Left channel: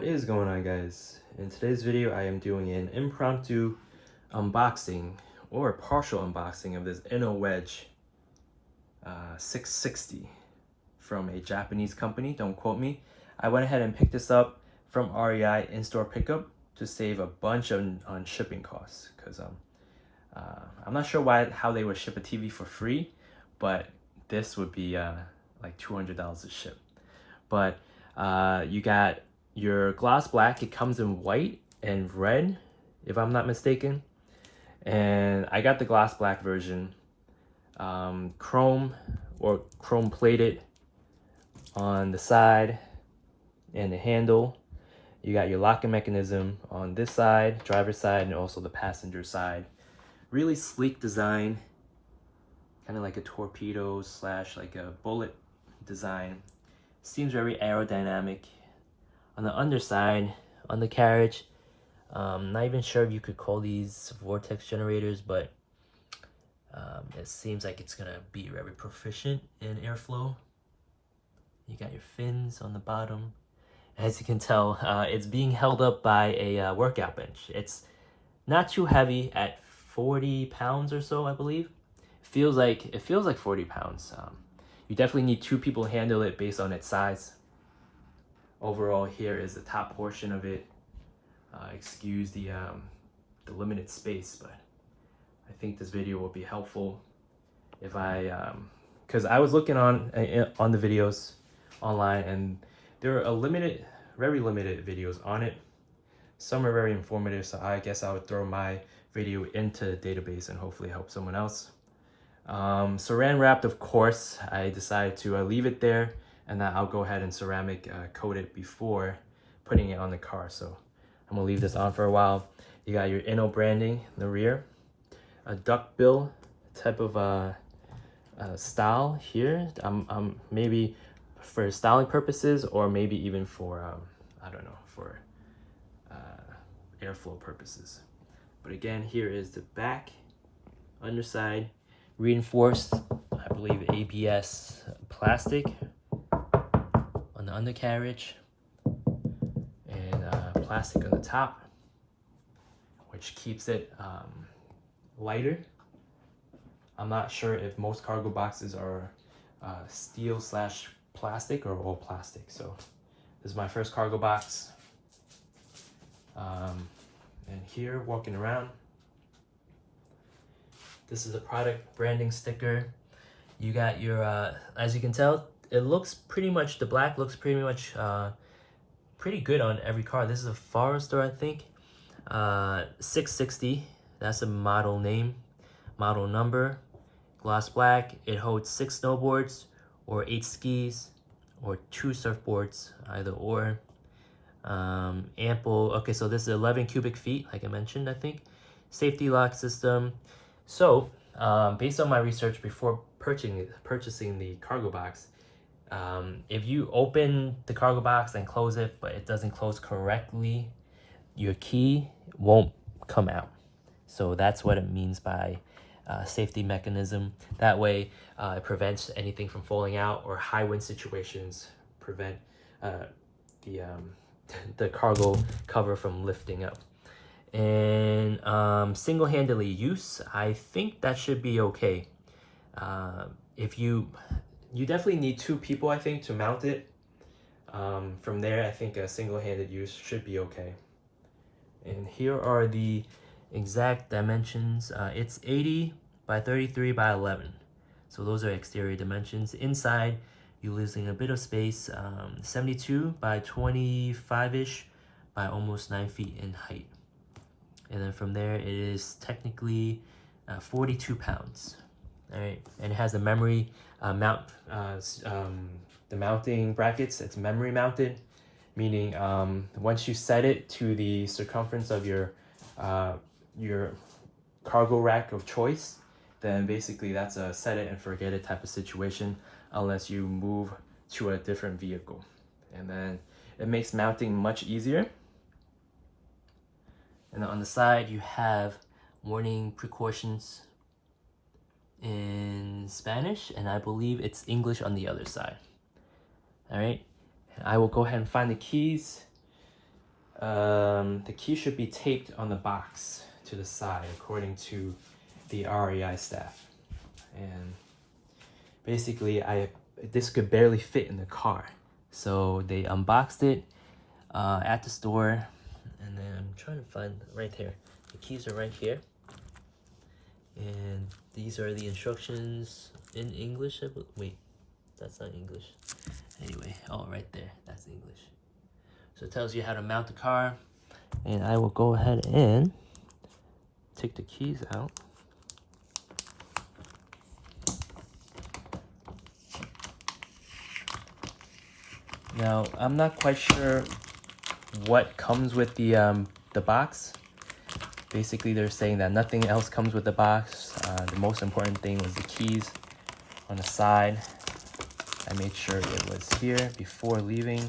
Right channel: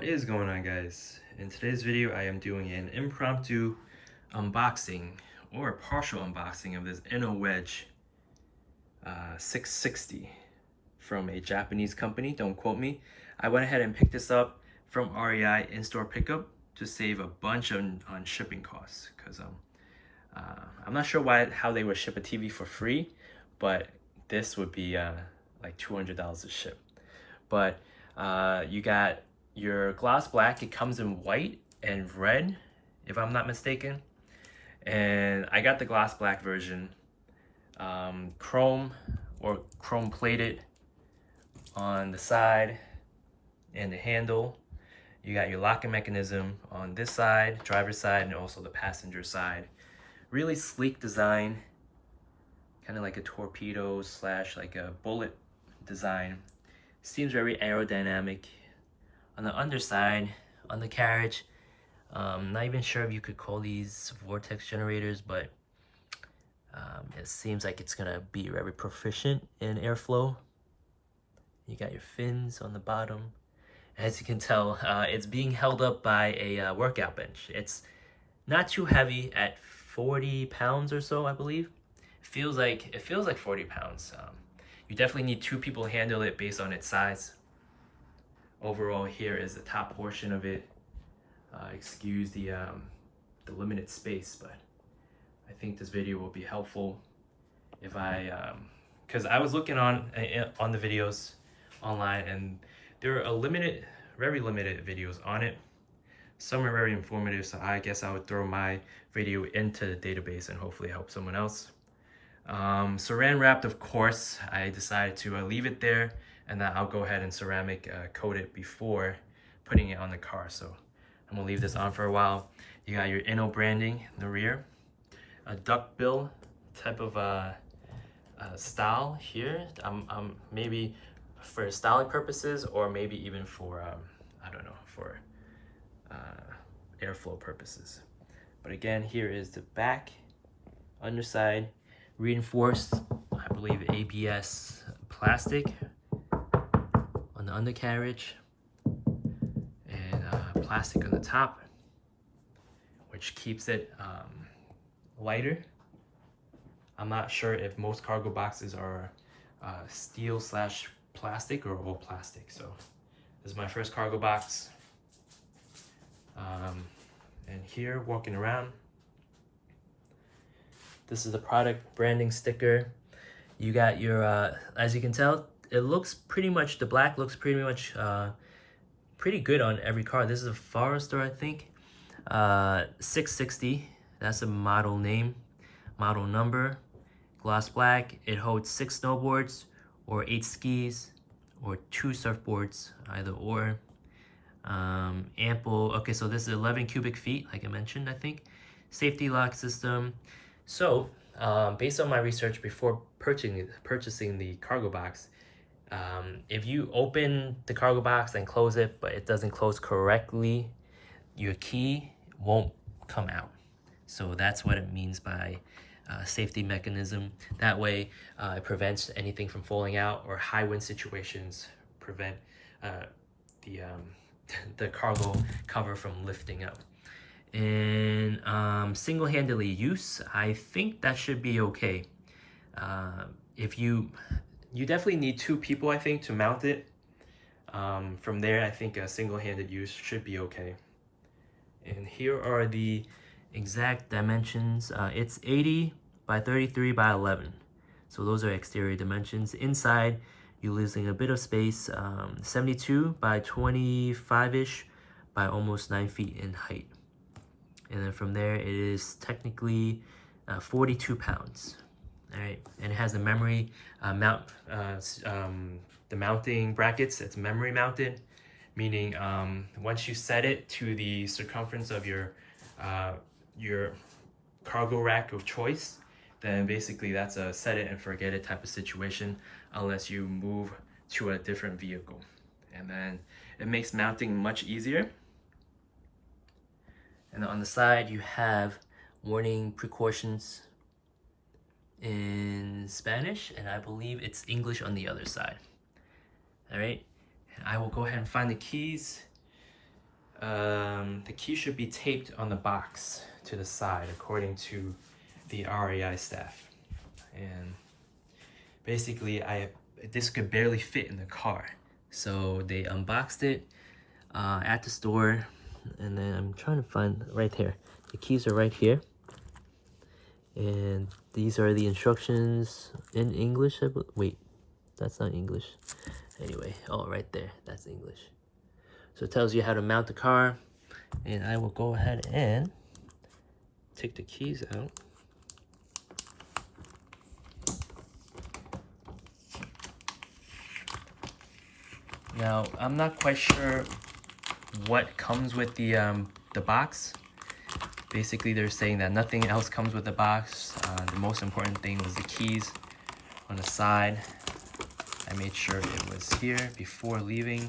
What is going on, guys? In today's video I am doing an impromptu unboxing or partial unboxing of this Inno Wedge 660 from a Japanese company. Don't quote me. I went ahead and picked this up from REI in-store pickup to save a bunch on shipping costs, because I'm not sure how they would ship a TV for free, but this would be like $200 to ship. But you got your gloss black. It comes in white and red, if I'm not mistaken, and I got the gloss black version. Chrome or chrome plated on the side and the handle. You got your locking mechanism on this side, driver's side, and also the passenger side. Really sleek design, kind of like a torpedo slash like a bullet design. Seems very aerodynamic. On the underside, on the carriage, not even sure if you could call these vortex generators, but it seems like it's gonna be very proficient in airflow. You got your fins on the bottom. As you can tell, it's being held up by a workout bench. It's not too heavy at 40 pounds or so, I believe. It feels like 40 pounds. You definitely need two people to handle it based on its size. Overall, here is the top portion of it. Excuse the limited space, but I think this video will be helpful if because I was looking on the videos online, and there are very limited videos on it. Some are very informative, so I guess I would throw my video into the database and hopefully help someone else. Saran wrapped, of course. I decided to leave it there, and then I'll go ahead and ceramic coat it before putting it on the car. So I'm gonna leave this on for a while. You got your Inno branding in the rear, a duckbill type of style here. Maybe for styling purposes, or maybe even for I don't know, for airflow purposes. But again, here is the back, underside, reinforced, I believe ABS plastic on the undercarriage, and plastic on the top, which keeps it lighter. I'm not sure if most cargo boxes are steel slash plastic or all plastic. So this is my first cargo box. And here, walking around, this is the product branding sticker. You got your, as you can tell, it looks pretty much, the black looks pretty much pretty good on every car. This is a Forester, I think. 660, that's a model name, model number. Gloss black, it holds 6 snowboards or 8 skis or 2 surfboards, either or. Ample, okay, so this is 11 cubic feet, like I mentioned, I think. Safety lock system. So, based on my research before purchasing the cargo box, if you open the cargo box and close it, but it doesn't close correctly, your key won't come out. So that's what it means by safety mechanism. That way, it prevents anything from falling out, or high wind situations prevent the cargo cover from lifting up. And single-handedly use, I think that should be okay. If you definitely need 2 people, I think, to mount it. From there, I think a single-handed use should be okay. And here are the exact dimensions. It's 80 by 33 by 11. So those are exterior dimensions. Inside, you're losing a bit of space. 72 by 25-ish by almost 9 feet in height. And then from there, it is technically 42 pounds. All right, and it has the memory the mounting brackets. It's memory mounted, meaning once you set it to the circumference of your cargo rack of choice, then basically that's a set it and forget it type of situation, unless you move to a different vehicle. And then it makes mounting much easier. And on the side, you have warning precautions in Spanish, and I believe it's English on the other side. All right, I will go ahead and find the keys. The key should be taped on the box to the side according to the REI staff. And basically this could barely fit in the car. So they unboxed it at the store, and then I'm trying to find right here. The keys are right here. And these are the instructions in English. Wait, that's not English. Anyway, oh, right there, that's English. So it tells you how to mount the car, and I will go ahead and take the keys out. Now, I'm not quite sure what comes with the box. Basically, they're saying that nothing else comes with the box. The most important thing was the keys on the side. I made sure it was here before leaving.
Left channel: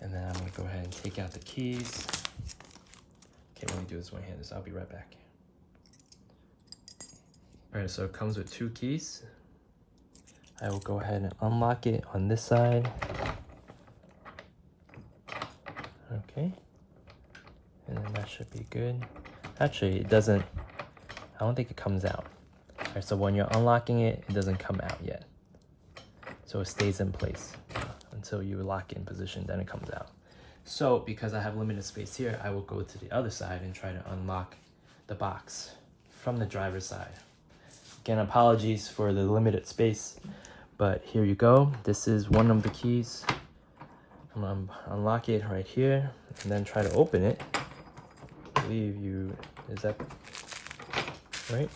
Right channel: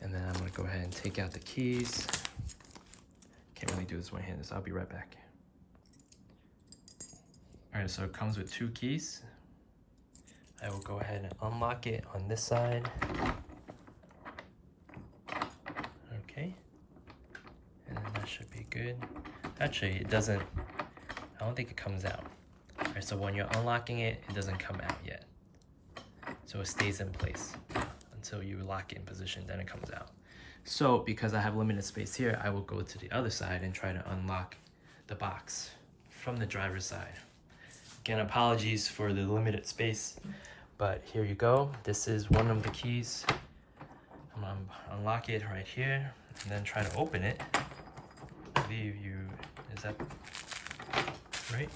And then I'm gonna go ahead and take out the keys. Can't really do this one-handed, so I'll be right back. All right, so it comes with 2 keys. I will go ahead and unlock it on this side. Okay. And then that should be good. Actually, it doesn't, I don't think it comes out. All right, so when you're unlocking it, it doesn't come out yet. So it stays in place until you lock it in position, then it comes out. So because I have limited space here, I will go to the other side and try to unlock the box from the driver's side. Again, apologies for the limited space, but here you go. This is one of the keys. I'm gonna unlock it right here and then try to open it. I believe is that right?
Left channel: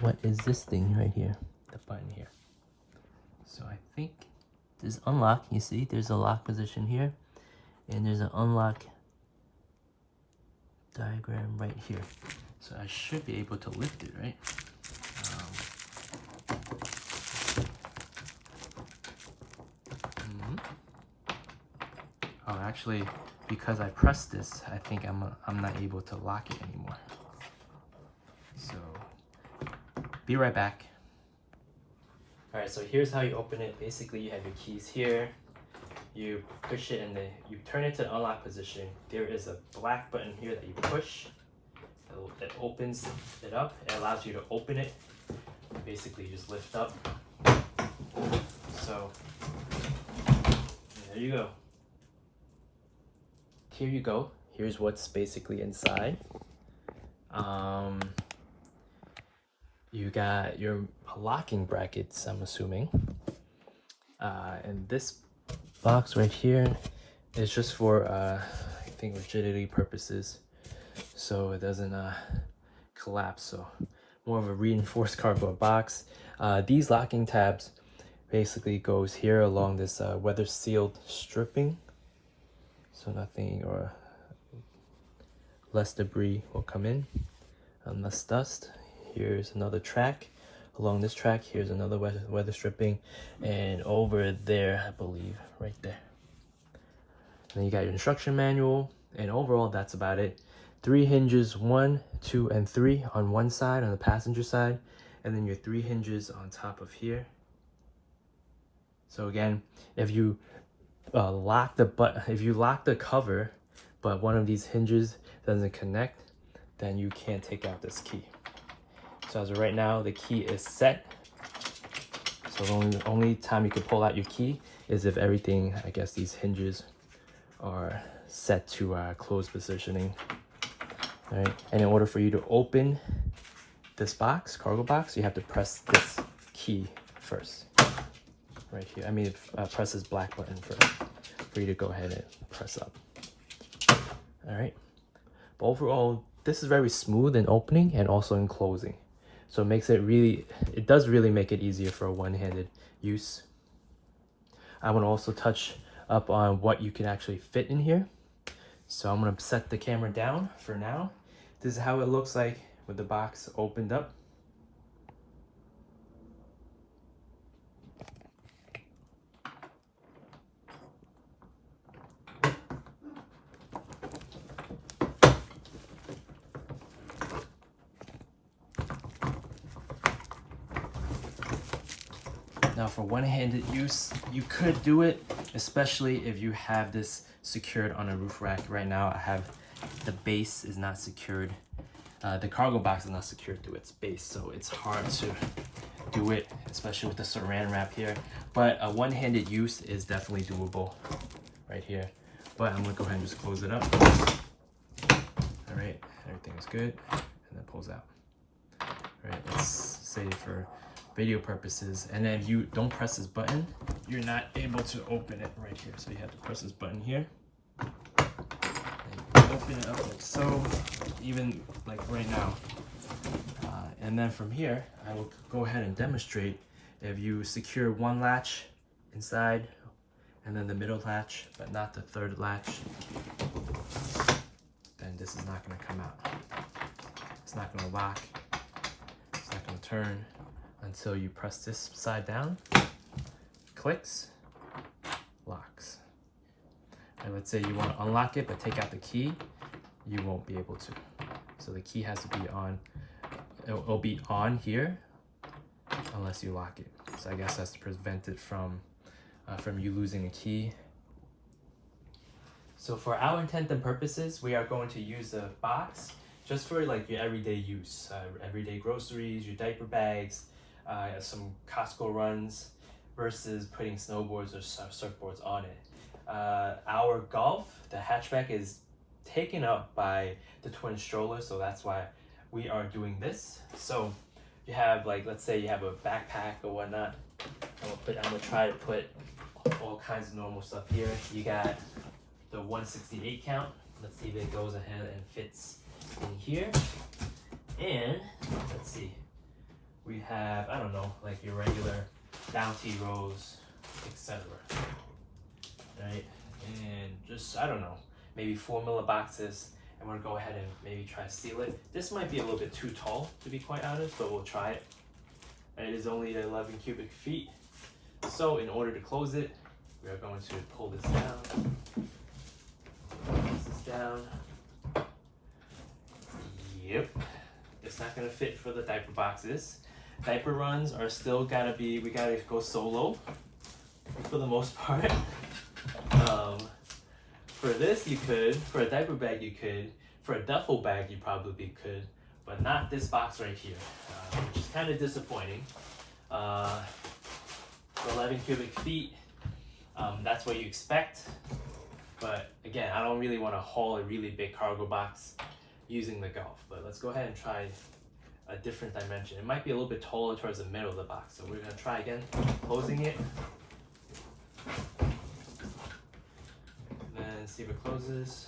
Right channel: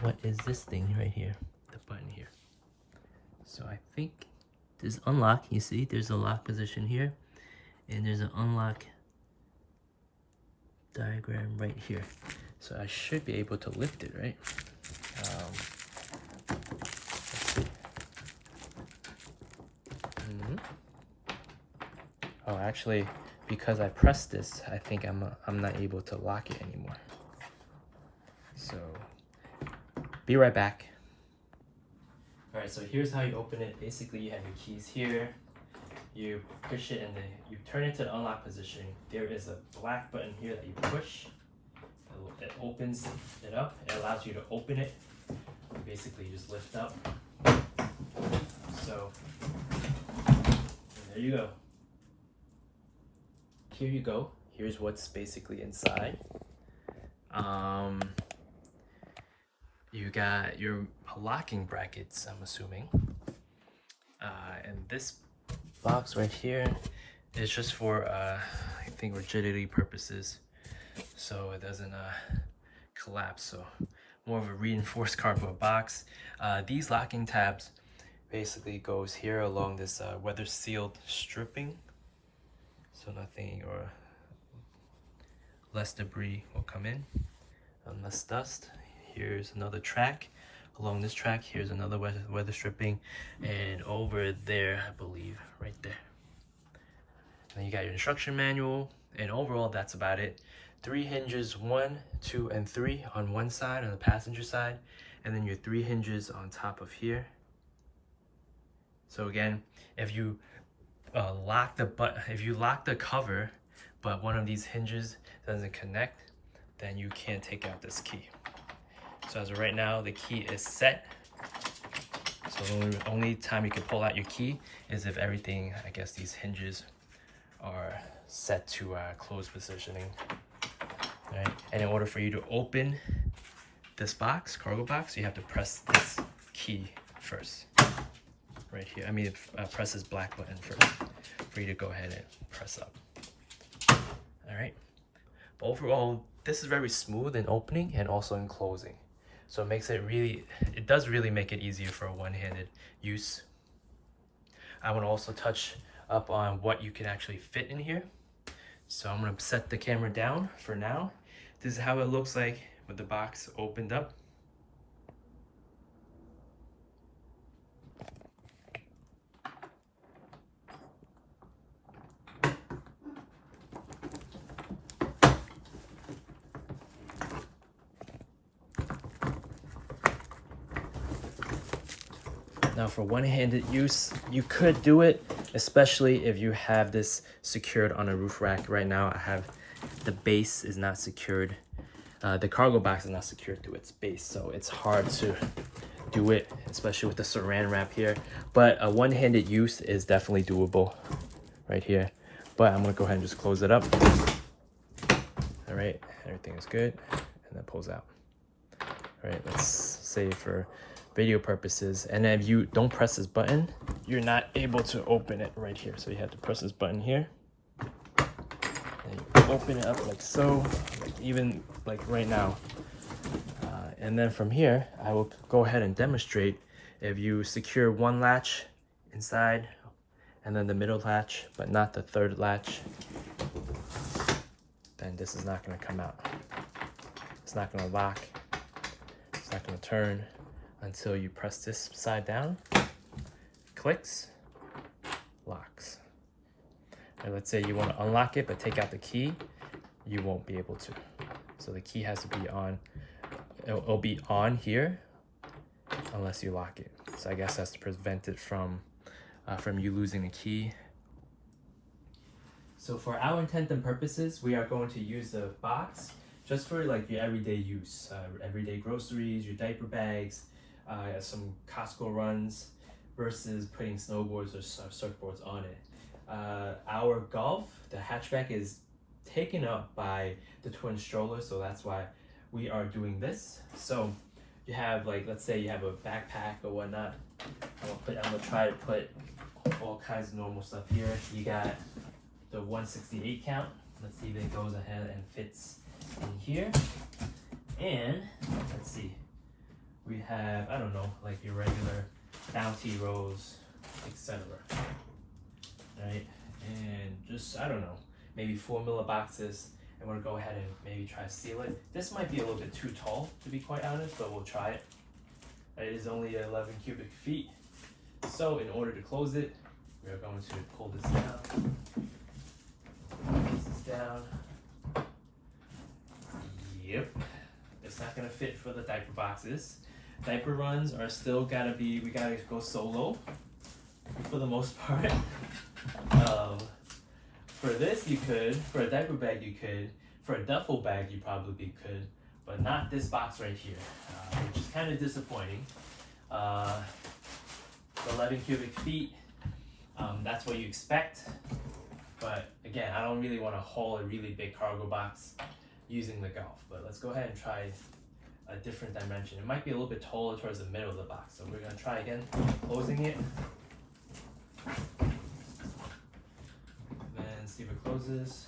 What is this thing right here? The button here. So I think this unlock, you see, there's a lock position here, and there's an unlock diagram right here. So I should be able to lift it, right? Oh, actually, because I pressed this, I think I'm not able to lock it anymore. So, be right back. All right, so here's how you open it. Basically, you have your keys here. You push it and then you turn it to unlock position. There is a black button here that you push. It opens it up. It allows you to open it. Basically, you just lift up. So, there you go. Here you go. Here's what's basically inside. You got your locking brackets, I'm assuming. And this box right here is just for, I think, rigidity purposes. So it doesn't collapse. So more of a reinforced cardboard box. These locking tabs basically goes here along this weather sealed stripping. So nothing or less debris will come in, and less dust. Here's another track. Along this track, here's another weather stripping, and over there, I believe, right there. Then you got your instruction manual, and overall, that's about it. 3 hinges, 1, 2, and 3 on one side, on the passenger side, and then your 3 hinges on top of here. So again, if you lock the cover, but one of these hinges doesn't connect, then you can't take out this key. So as of right now, the key is set. So the only time you can pull out your key is if everything, I guess these hinges are set to closed positioning. Right? And in order for you to open this box, cargo box, you have to press this key first. Right here. I mean, press this black button first for you to go ahead and press up. All right. But overall, this is very smooth in opening and also in closing. So it makes it does really make it easier for a one-handed use. I want to also touch up on what you can actually fit in here. So I'm going to set the camera down for now. This is how it looks like with the box opened up. Now for one-handed use, you could do it, especially if you have this secured on a roof rack. Right now I have the base is not secured. The cargo box is not secured to its base, so it's hard to do it, especially with the saran wrap here. But a one-handed use is definitely doable right here. But I'm gonna go ahead and just close it up. All right, everything is good, and then pulls out. All right, let's save for video purposes. And then if you don't press this button, you're not able to open it right here. So you have to press this button here and open it up like so, like even like right now. And then from here, I will go ahead and demonstrate. If you secure one latch inside and then the middle latch, but not the third latch, then this is not gonna come out. It's not gonna lock. It's not gonna turn until you press this side down, clicks, locks. And let's say you wanna unlock it, but take out the key, you won't be able to. So the key has to be on, it'll be on here unless you lock it. So I guess that's to prevent it from you losing the key. So for our intent and purposes, we are going to use the box just for like your everyday use, everyday groceries, your diaper bags, some Costco runs, versus putting snowboards or surfboards on it. Our golf, the hatchback, is taken up by the twin stroller, so that's why we are doing this. So you have, like, let's say you have a backpack or whatnot. I'm gonna try to put all kinds of normal stuff here. You got the 168 count. Let's see if it goes ahead and fits in here. And let's see, we have, I don't know, like your regular Bounty rolls, etc. Right? And just, I don't know, maybe 4mm boxes. And we're gonna go ahead and maybe try to seal it. This might be a little bit too tall, to be quite honest, but we'll try it. It is only 11 cubic feet. So in order to close it, we are going to pull this down. This down. Yep. It's not gonna fit for the diaper boxes. Diaper runs are still gotta be, we gotta go solo for the most part. For this you could, for a diaper bag you could, for a duffel bag you probably could, but not this box right here, which is kind of disappointing. 11 cubic feet, that's what you expect. But again, I don't really want to haul a really big cargo box using the golf. But let's go ahead and try a different dimension. It might be a little bit taller towards the middle of the box. So we're going to try again, closing it. And see if it closes.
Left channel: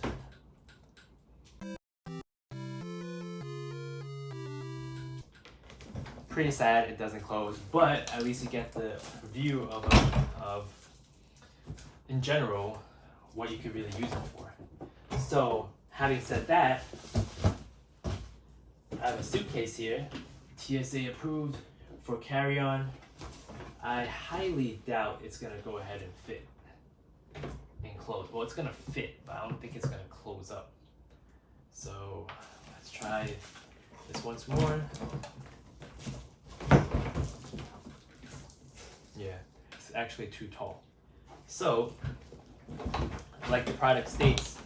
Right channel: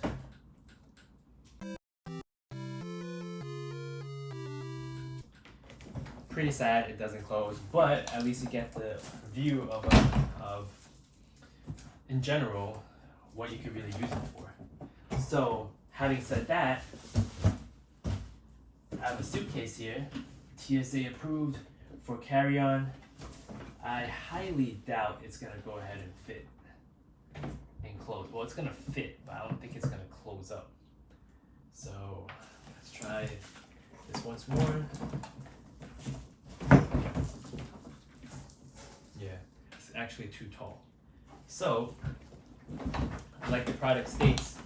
Pretty sad it doesn't close, but at least you get the view of in general, what you could really use it for. So, having said that, I have a suitcase here, TSA approved for carry-on. I highly doubt it's gonna go ahead and fit and close. Well, it's gonna fit, but I don't think it's gonna close up. So, let's try this once more. Yeah, it's actually too tall. So, like the product states,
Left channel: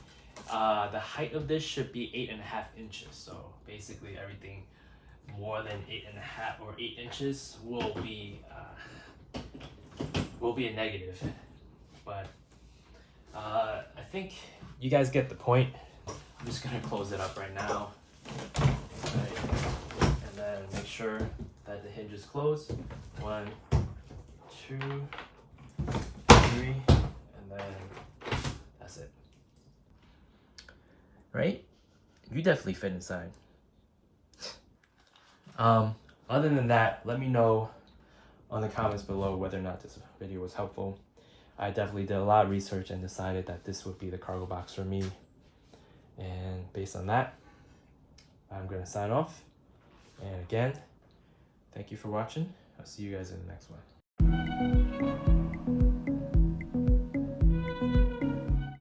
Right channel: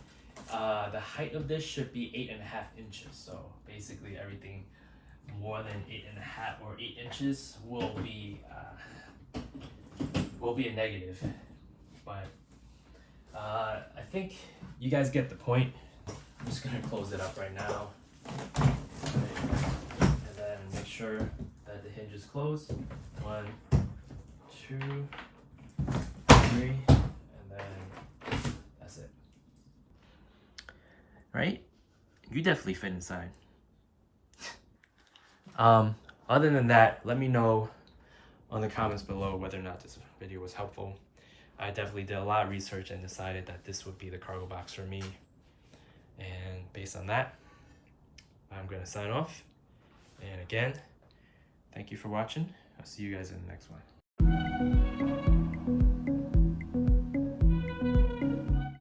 the height of this should be 8.5 inches. So basically everything more than 8.5 or 8 inches will be a negative. But I think you guys get the point. I'm just gonna close it up right now. Right. And then make sure that the hinge is closed. 1, 2, 3. That's it. Right? You definitely fit inside. Other than that, let me know on the comments below whether or not this video was helpful. I definitely did a lot of research and decided that this would be the cargo box for me. And based on that, I'm going to sign off. And again, thank you for watching. I'll see you guys in the next one.